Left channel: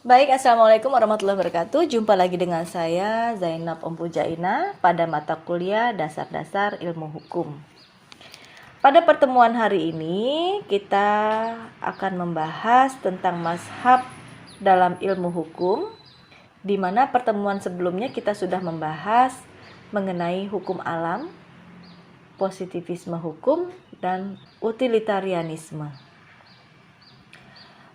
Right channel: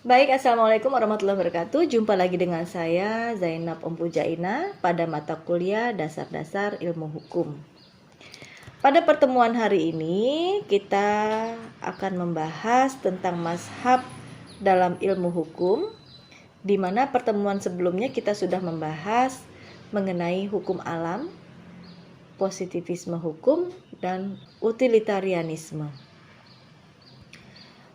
Baik, Assalamualaikum warahmatullahi wabarakatuh. Jumpa lagi dengan saya, Zainab Ompujaina, pada mata kuliah Dasar-Dasar Ilmu Hukum. Pada pertemuan hari ini, kita akan membahas tentang mazhab dalam ilmu hukum, di mana pertemuan sebelumnya kita sudah membahas mengenai hukum alam, positivisme hukum, dan utilitarianisme.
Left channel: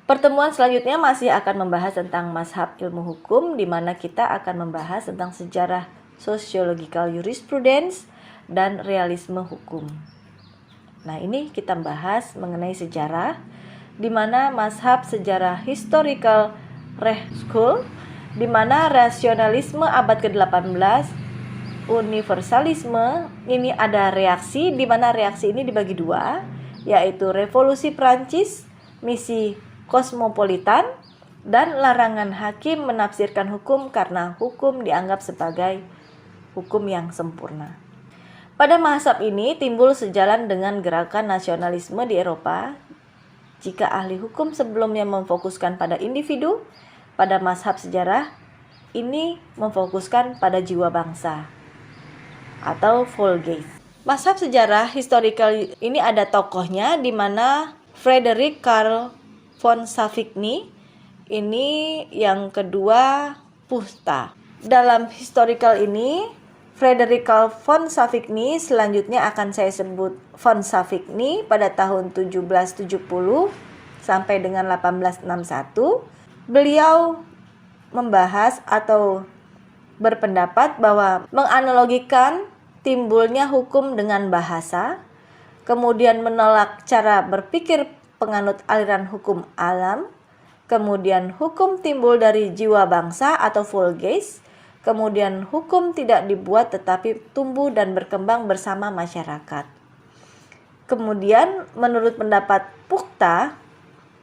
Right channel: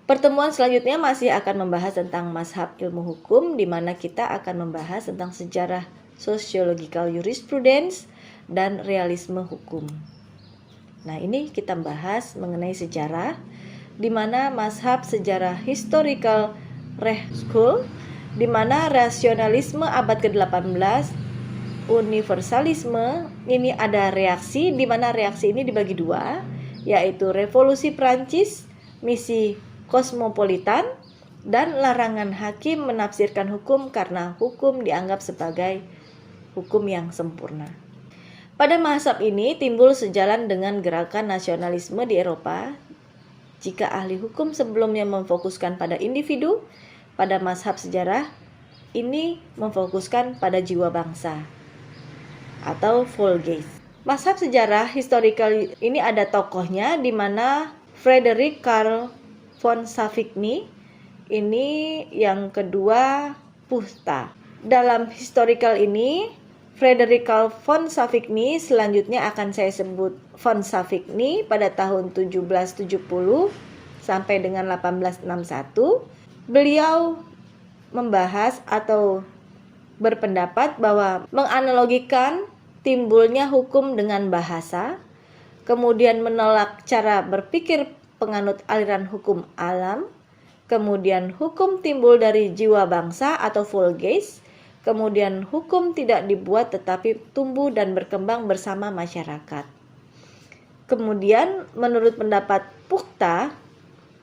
Pertemuan selanjutnya masih akan membahas tentang mazhab ilmu hukum, di mana kita akan membahas tentang sejarah sociological jurisprudence dan realisme hukum. Nah, ini kita bahas mengenai sejarah, di mana mazhab sejarah historical Rechtschool, di mana rasionalisme abad ke-18, universalisme, ini ada reaksi, di mana reaksi ini dibagi dua, yaitu revolusi Prancis, misi kosmopolitan, dan larangan hakim menafsirkan hukum karena hukum dianggap sebagai hukum yang sempurna. Pada mazhab ini timbul sejalan dengan gerakan nasionalisme di Eropa. Jika ahli hukum sebelumnya memfokuskan pada individu, pada mazhab sejarah ini memfokuskan pada jiwa bangsa atau Volksgeist. Mazhab sejarah historical ini ada tokohnya, di mana Frederick Karl von Savigny, ini yang kedua Pusta. Dalam historical ini, Frederick Karl von Savigny, selanjutnya akan saya sebut von Savigny, pada tahun 1770 sampai dengan 1861. Beliau membahas atau berpendapat bahwa menganalogikan timbulnya hukum dengan bahasa, kemudian menolak cara berpikir penganut aliran hukum alam, kemudian hukum timbul dari jiwa bangsa atau Volksgeist, kemudian hukum tidak dibuat tetapi tumbuh dan berkembang bersama masyarakat. Kemudian menurut pendapat Puchta,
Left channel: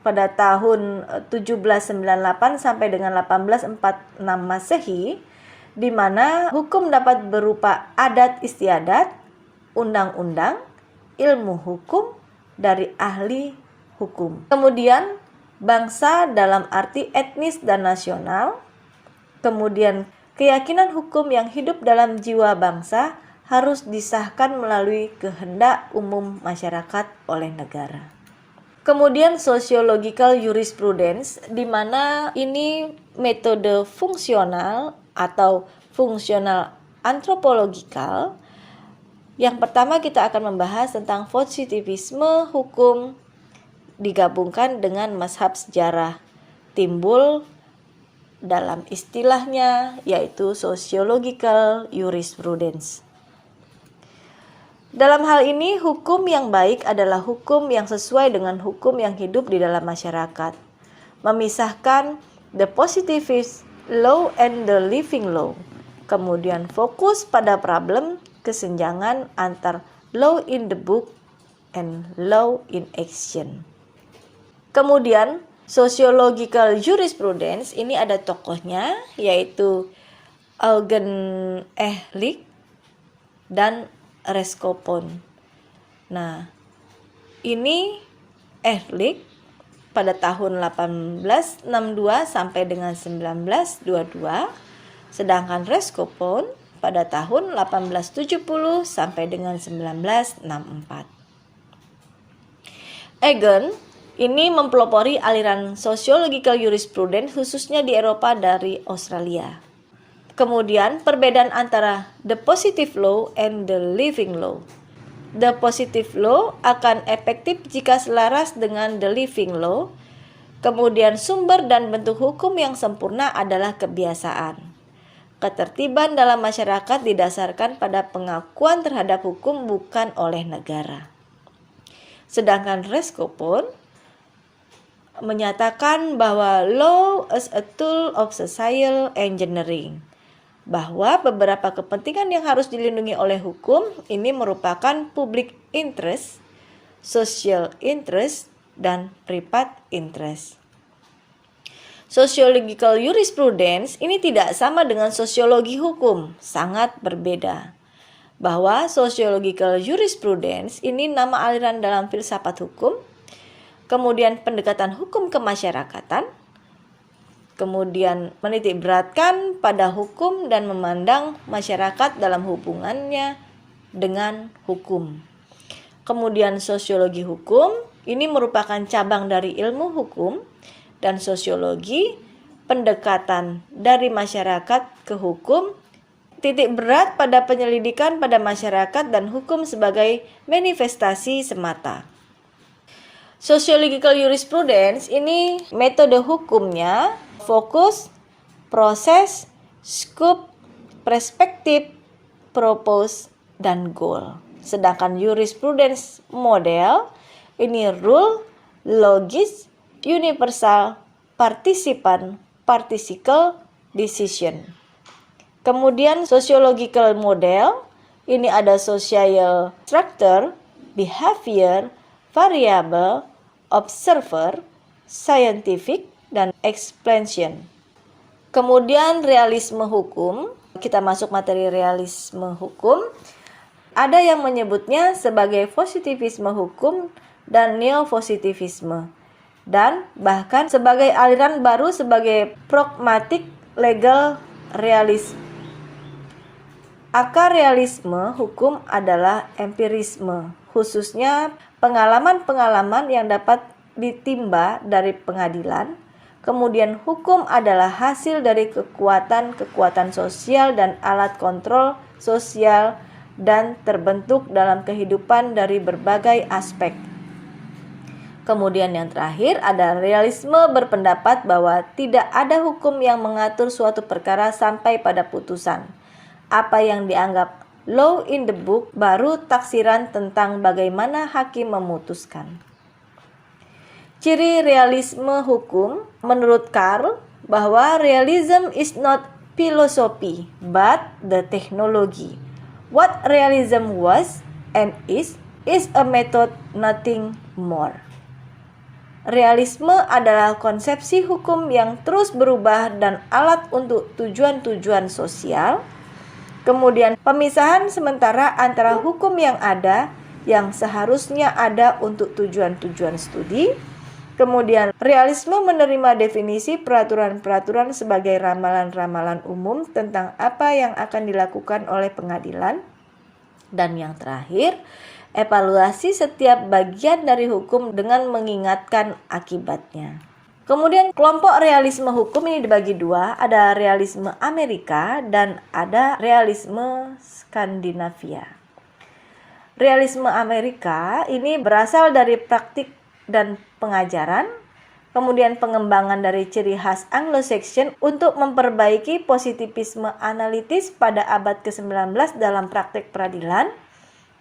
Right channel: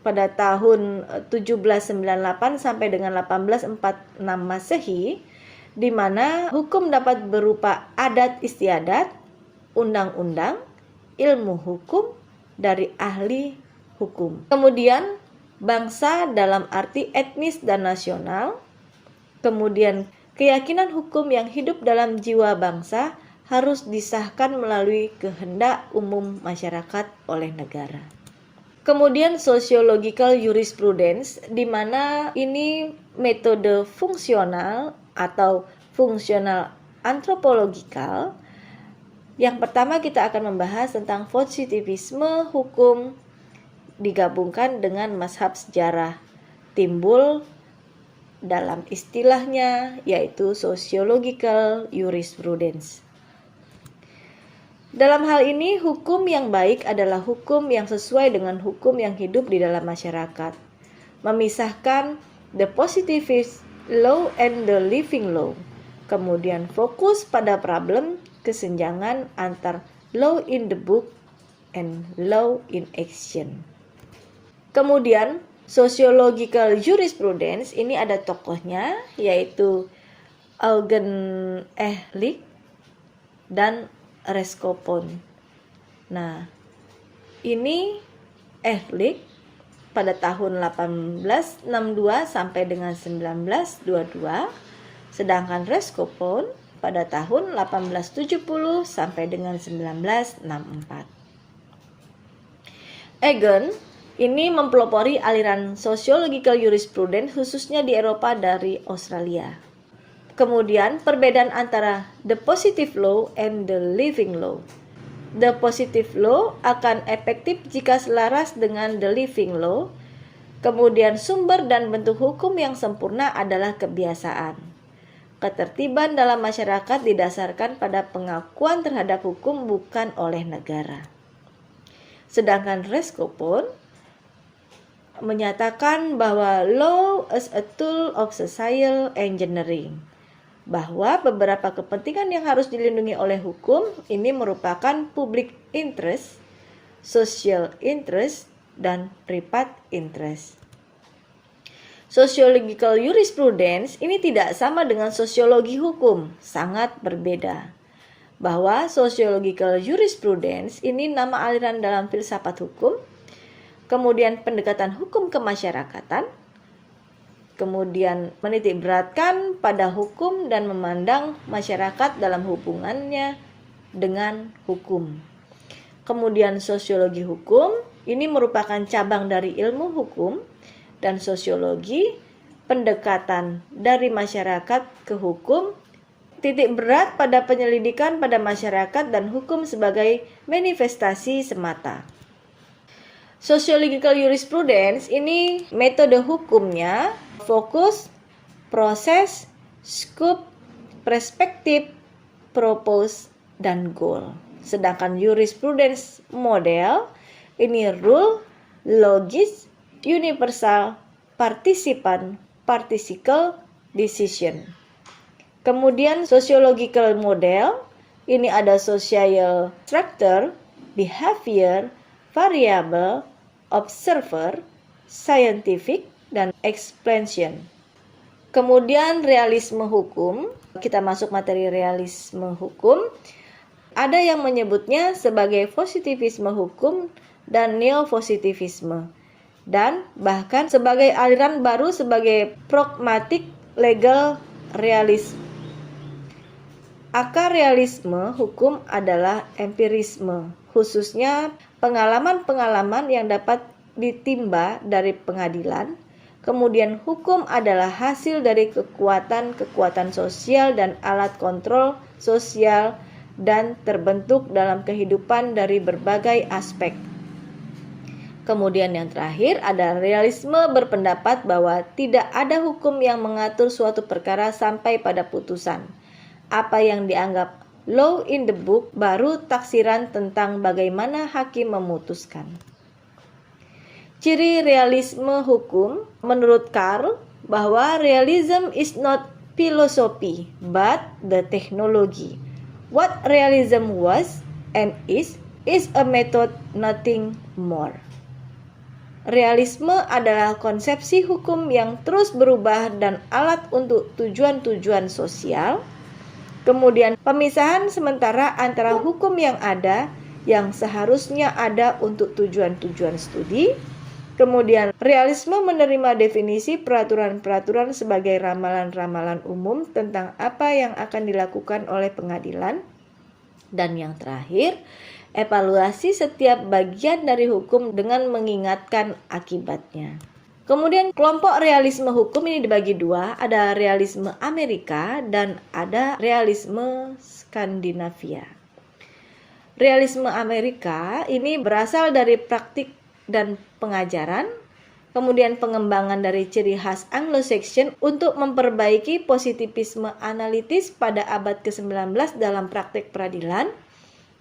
pada tahun 1798 sampai dengan 1846 Masehi, di mana hukum dapat berupa adat istiadat, undang-undang, ilmu hukum dari ahli hukum. Kemudian bangsa dalam arti etnis dan nasional. Kemudian keyakinan hukum yang hidup dalam jiwa bangsa harus disahkan melalui kehendak umum masyarakat oleh negara. Kemudian sociological jurisprudence, di mana ini metode fungsional atau fungsional antropologikal. Yang pertama kita akan membahas tentang positivisme hukum digabungkan dengan mazhab sejarah, timbul dalam istilahnya yaitu sociological jurisprudence. Dalam hal ini, hukum yang baik adalah hukum yang sesuai dengan hukum yang hidup di dalam masyarakat, memisahkan the positivist law and the living law, kemudian fokus pada problem kesenjangan antar law in the book and law in action. Kemudian sociological jurisprudence ini ada tokohnya, yaitu Eugen Ehlich dan Reskopon. Nah, ini Ehlich pada tahun 1862 sampai dengan 1922, sedangkan Reskopon pada tahun 1870 sampai dengan 1964. Eugen ini mempelopori aliran sociological jurisprudence khususnya di Eropa dari Australia. Kemudian perbedaan antara the positive law and the living law. The positive law akan efektif jika selaras dengan the living law. Kemudian sumber dan bentuk hukum yang sempurna adalah kebiasaan. Ketertiban dalam masyarakat didasarkan pada pengakuan terhadap hukum bukan oleh negara. Sedangkan Reskopon menyatakan bahwa law is a tool of social engineering, bahwa beberapa kepentingan yang harus dilindungi oleh hukum ini merupakan public interest, social interest, dan private interest. Sociological jurisprudence ini tidak sama dengan sosiologi hukum, sangat berbeda. Bahwa sociological jurisprudence ini nama aliran dalam filsafat hukum, kemudian pendekatan hukum kemasyarakatan, Kemudian menitik beratkan pada hukum dan memandang masyarakat dalam hubungannya dengan hukum. Kemudian sosiologi hukum, ini merupakan cabang dari ilmu hukum dan sosiologi, pendekatan dari masyarakat ke hukum, titik berat pada penyelidikan pada masyarakat dan hukum sebagai manifestasi semata. Sociological jurisprudence ini metode hukumnya fokus, proses, scope, perspektif, propose, dan goal. Sedangkan jurisprudence model ini rule, logis, universal, participan, participle, decision. Kemudian sociological model ini ada social structure, behavior, variable, observer, scientific, dan explanation. Kemudian realisme hukum, kita masuk materi realisme hukum. Ada yang menyebutnya sebagai positivisme hukum dan neopositivisme, dan bahkan sebagai aliran baru sebagai pragmatic legal realism. Akar realisme hukum adalah empirisme, khususnya pengalaman-pengalaman yang dapat ditimba dari pengadilan. Kemudian hukum adalah hasil dari kekuatan sosial dan alat kontrol sosial dan terbentuk dalam kehidupan dari berbagai aspek. Kemudian yang terakhir ada realisme berpendapat bahwa tidak ada hukum yang mengatur suatu perkara sampai pada putusan. Apa yang dianggap law in the book baru taksiran tentang bagaimana hakim memutuskan. Ciri realisme hukum menurut Karl bahwa realism is not philosophy but the technology. What realism was and is a method, nothing more. Realisme adalah konsepsi hukum yang terus berubah dan alat untuk tujuan-tujuan sosial. Kemudian pemisahan sementara antara hukum yang ada yang seharusnya ada untuk tujuan-tujuan studi. Kemudian realisme menerima definisi peraturan-peraturan sebagai ramalan-ramalan umum tentang apa yang akan dilakukan oleh pengadilan. Dan yang terakhir, evaluasi setiap bagian dari hukum dengan mengingatkan akibatnya. Kemudian kelompok realisme hukum ini dibagi dua, ada realisme Amerika dan ada realisme Skandinavia. Realisme Amerika ini berasal dari praktik dan pengajaran, kemudian pengembangan dari ciri khas Anglo-Saxon untuk memperbaiki positivisme analitis pada abad ke-19 dalam praktik peradilan,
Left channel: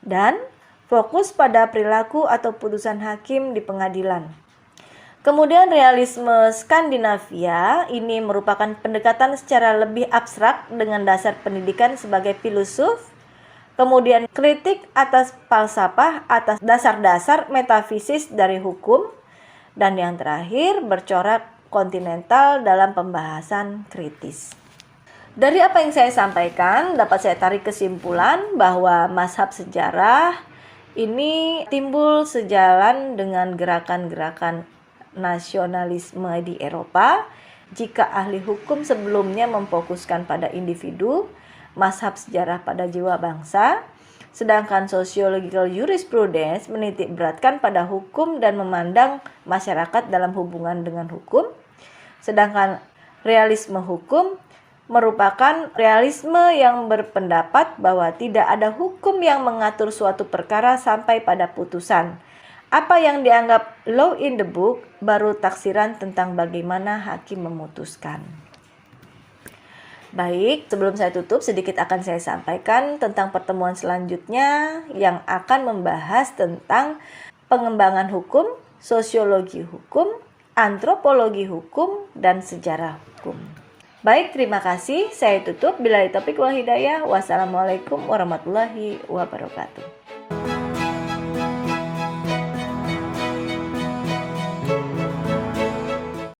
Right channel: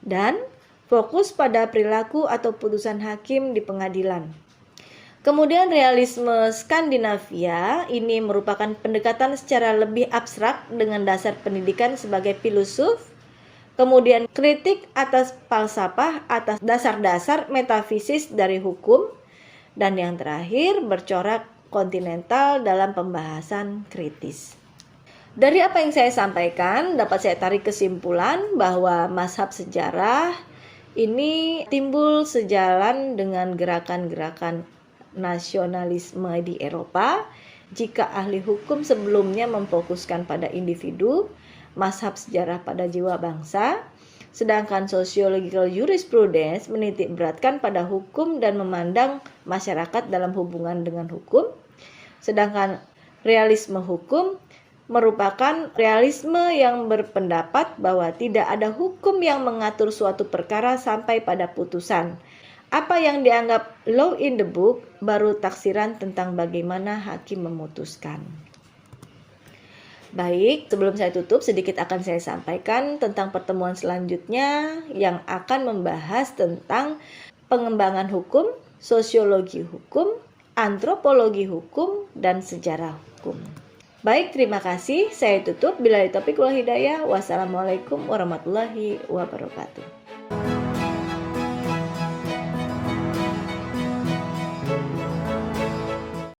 dan fokus pada perilaku atau putusan hakim di pengadilan. Kemudian realisme Skandinavia ini merupakan pendekatan secara lebih abstrak dengan dasar pendidikan sebagai filosof, kemudian kritik atas falsafah atas dasar-dasar metafisis dari hukum, dan yang terakhir bercorak kontinental dalam pembahasan kritis. Dari apa yang saya sampaikan dapat saya tarik kesimpulan bahwa mazhab sejarah ini timbul sejalan dengan gerakan-gerakan nasionalisme di Eropa. Jika ahli hukum sebelumnya memfokuskan pada individu, mazhab sejarah pada jiwa bangsa, sedangkan sociological jurisprudence menitik beratkan pada hukum dan memandang masyarakat dalam hubungan dengan hukum. Sedangkan realisme hukum merupakan realisme yang berpendapat bahwa tidak ada hukum yang mengatur suatu perkara sampai pada putusan. Apa yang dianggap law in the book baru taksiran tentang bagaimana hakim memutuskan. Baik, sebelum saya tutup sedikit akan saya sampaikan tentang pertemuan selanjutnya yang akan membahas tentang pengembangan hukum, sosiologi hukum, antropologi hukum, dan sejarah hukum. Baik, terima kasih. Saya tutup. Billahi taufiq wal hidayah. Wassalamualaikum warahmatullahi wabarakatuh.